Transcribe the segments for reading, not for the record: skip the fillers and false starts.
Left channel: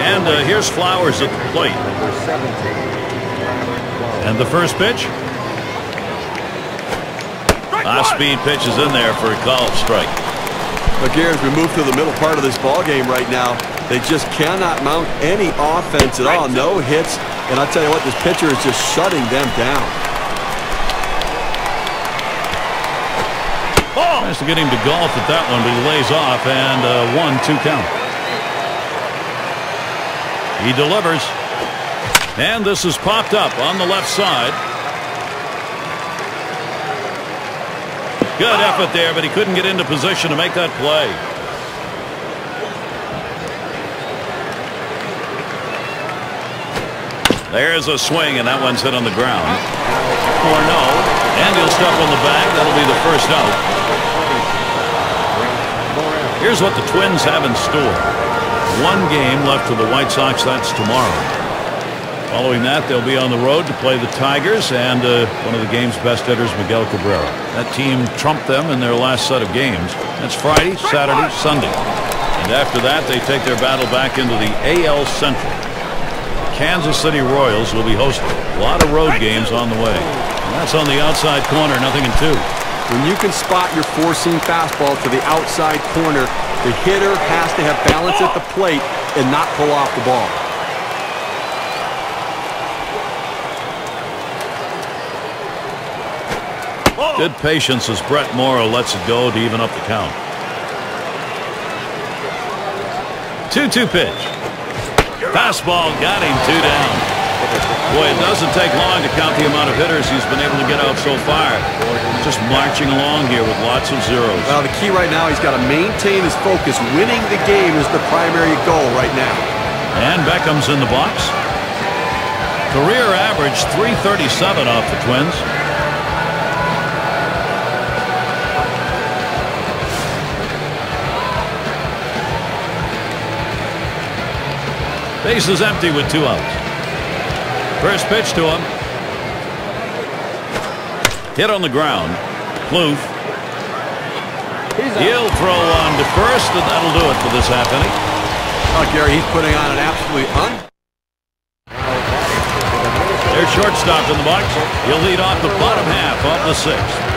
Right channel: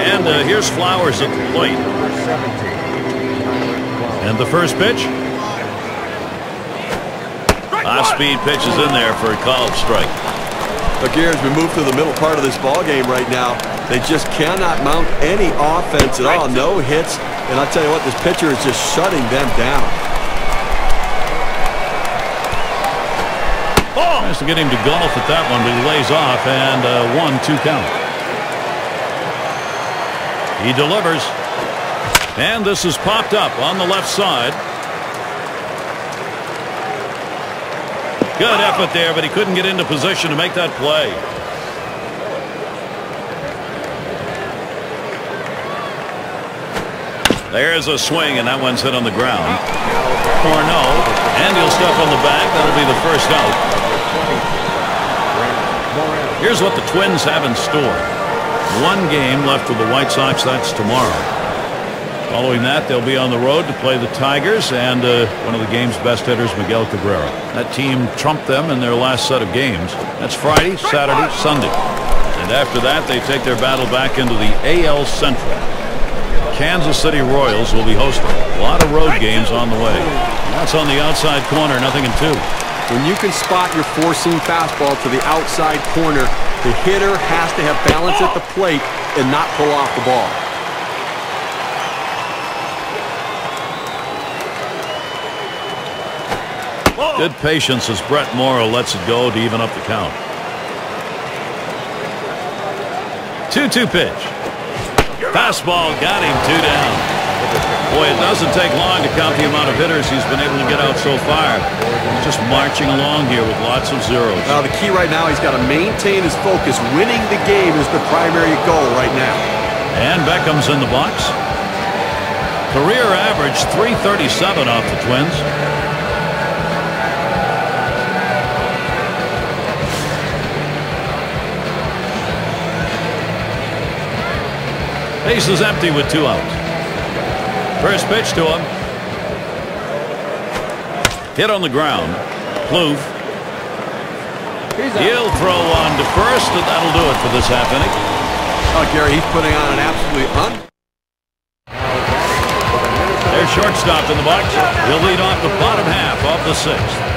And here's Flowers at the plate. And the first pitch. High-speed pitch is in there for a called strike. Look here, as we move through the middle part of this ball game right now, they just cannot mount any offense at all. No hits. And I'll tell you what, this pitcher is just shutting them down. Tries to get him to golf at that one, but he lays off, and 1-2 count. He delivers. And this is popped up on the left side. Good effort there, but he couldn't get into position to make that play. There's a swing, and that one's hit on the ground. Or no. And he'll step on the bag. That'll be the first out. Here's what the Twins have in store. One game left with the White Sox. That's tomorrow. Following that, they'll be on the road to play the Tigers and one of the game's best hitters, Miguel Cabrera. That team trumped them in their last set of games. That's Friday, Saturday, Sunday. And after that, they take their battle back into the AL Central. Kansas City Royals will be hosting. A lot of road games on the way. And that's on the outside corner, 0-2. When you can spot your four-seam fastball to the outside corner, the hitter has to have balance at the plate and not pull off the ball. Good patience as Brett Morrow lets it go to even up the count. 2-2 pitch. Fastball got him 2 down. Boy, it doesn't take long to count the amount of hitters he's been able to get out so far. He's just marching along here with lots of zeros. Well, the key right now, he's got to maintain his focus. Winning the game is the primary goal right now. And Beckham's in the box. Career average 337 off the Twins. Base is empty with 2 outs. First pitch to him. Hit on the ground. Plouffe. He'll throw on to first, and that'll do it for this half inning. Oh, Gary, he's putting on an absolutely There's shortstop in the box. He'll lead off the bottom half of the 6th.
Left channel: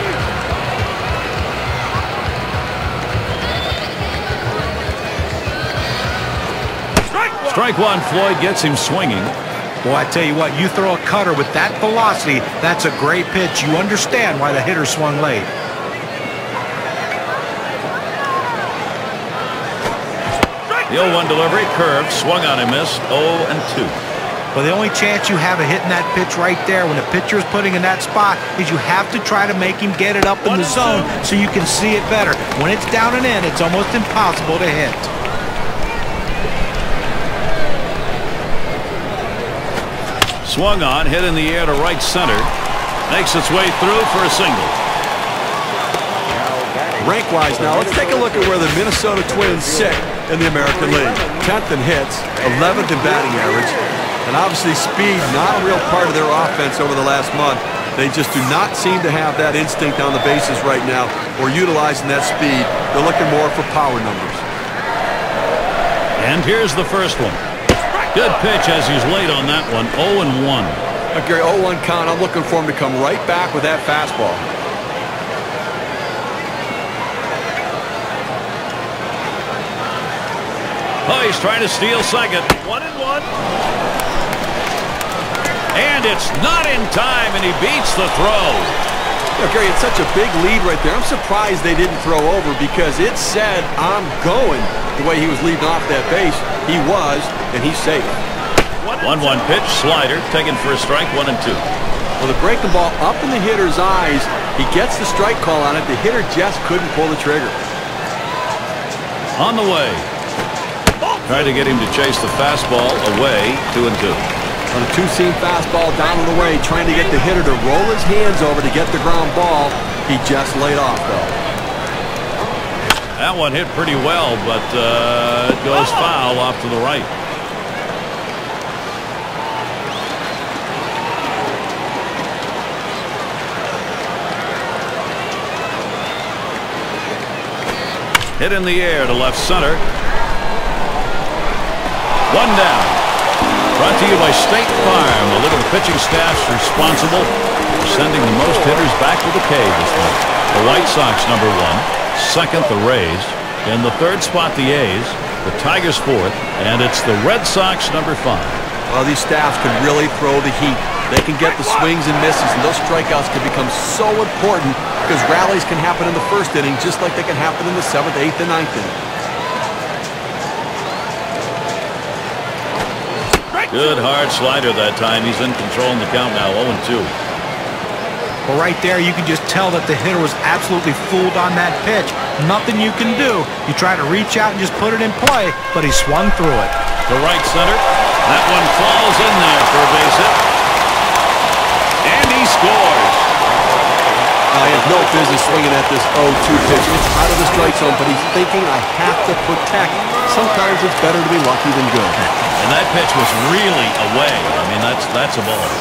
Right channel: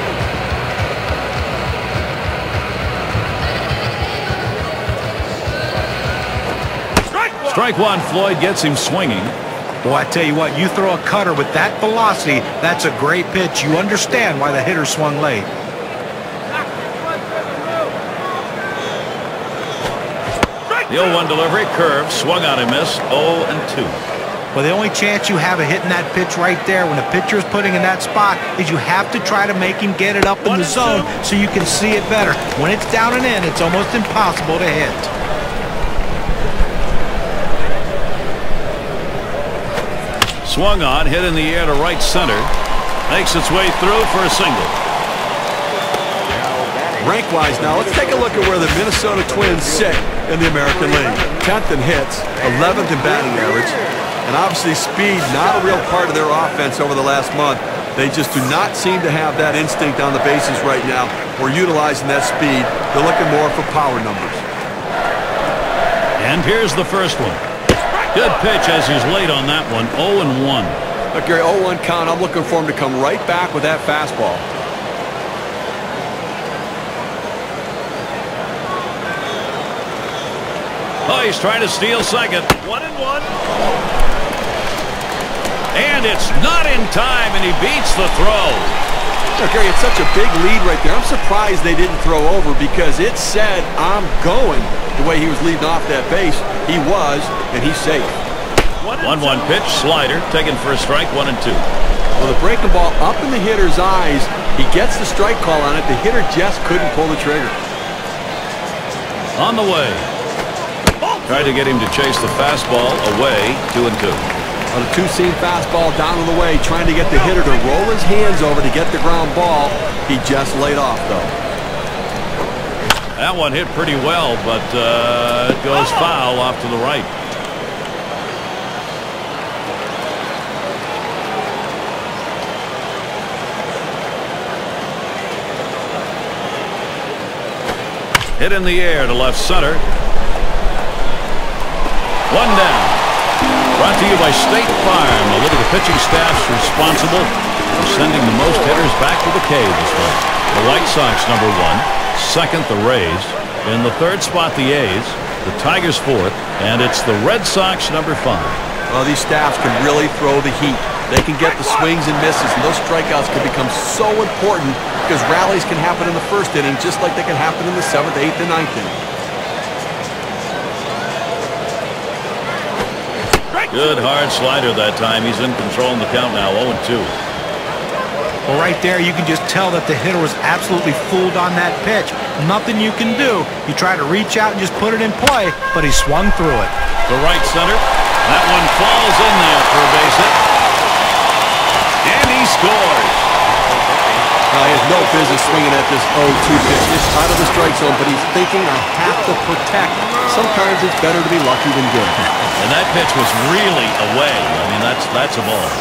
Strike one. Floyd gets him swinging. Boy, I tell you what, you throw a cutter with that velocity, that's a great pitch. You understand why the hitter swung late. The 0-1 delivery, curve, swung on and missed. 0-2. Well, the only chance you have of hitting that pitch right there when the pitcher is putting in that spot is you have to try to make him get it up in the zone so you can see it better. When it's down and in, it's almost impossible to hit. Swung on, hit in the air to right center. Makes its way through for a single. Rank-wise now, let's take a look at where the Minnesota Twins sit in the American League. 10th in hits, 11th in batting average, and obviously speed not a real part of their offense over the last month. They just do not seem to have that instinct on the bases right now or utilizing that speed. They're looking more for power numbers. And here's the first one. Good pitch as he's late on that one. 0-1. Look, Gary, 0-1 count. I'm looking for him to come right back with that fastball. Oh, he's trying to steal second. 1-1. And it's not in time, and he beats the throw. Look, Gary, it's such a big lead right there. I'm surprised they didn't throw over because it said, I'm going. The way he was leading off that base, he was, and he's safe. 1-1 pitch, slider, taken for a strike, 1-2. Well, the breaking ball up in the hitter's eyes, he gets the strike call on it. The hitter just couldn't pull the trigger. On the way. Tried to get him to chase the fastball away, 2-2. On a two-seam fastball down and away, trying to get the hitter to roll his hands over to get the ground ball. He just laid off, though. That one hit pretty well, but it goes foul off to the right. Hit in the air to left center. One down. Brought to you by State Farm. A look at the pitching staffs responsible for sending the most hitters back to the K this month. The White Sox, number 1. Second, the Rays. In the third spot, the A's. The Tigers, fourth. And it's the Red Sox, number 5. Well, these staffs can really throw the heat. They can get the swings and misses, and those strikeouts can become so important because rallies can happen in the first inning just like they can happen in the 7th, 8th, and 9th inning. Good hard slider that time. He's in control in the count now, 0-2. Well, right there, you can just tell that the hitter was absolutely fooled on that pitch. Nothing you can do. You try to reach out and just put it in play, but he swung through it. To right center. That one falls in there for a base hit. And he scores. He has no business swinging at this 0-2 pitch. It's out of the strike zone, but he's thinking, I have to protect. Sometimes it's better to be lucky than good. And that pitch was really away. I mean, that's a ball.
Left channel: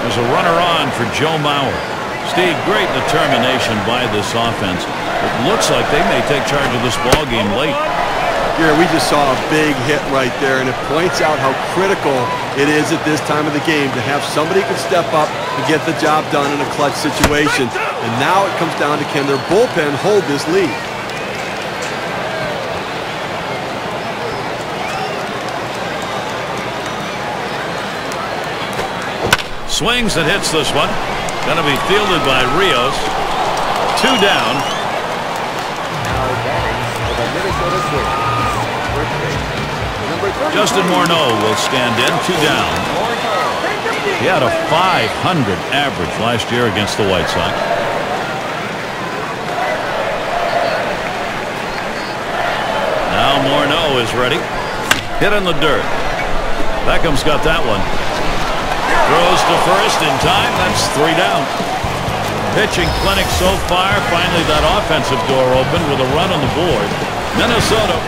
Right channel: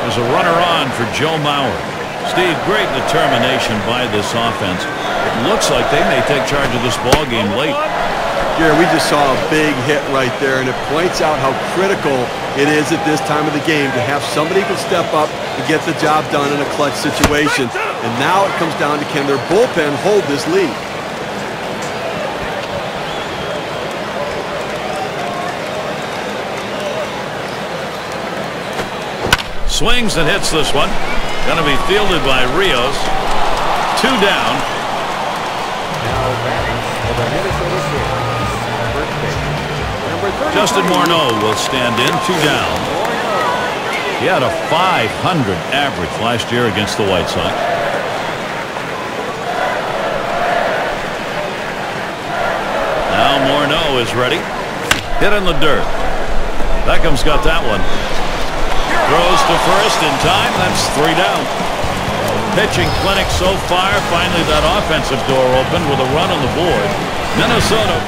There's a runner on for Joe Mauer. Steve, great determination by this offense. It looks like they may take charge of this ball game late. Gary, we just saw a big hit right there, and it points out how critical it is at this time of the game to have somebody who can step up and get the job done in a clutch situation. And now it comes down to, can their bullpen hold this lead? Swings and hits this one. Going to be fielded by Rios. 2 down. Justin Morneau will stand in. 2 down. He had a .500 average last year against the White Sox. Now Morneau is ready. Hit in the dirt. Beckham's got that one. Throws to first in time. That's 3 down. Pitching clinic so far. Finally, that offensive door opened with a run on the board. Minnesota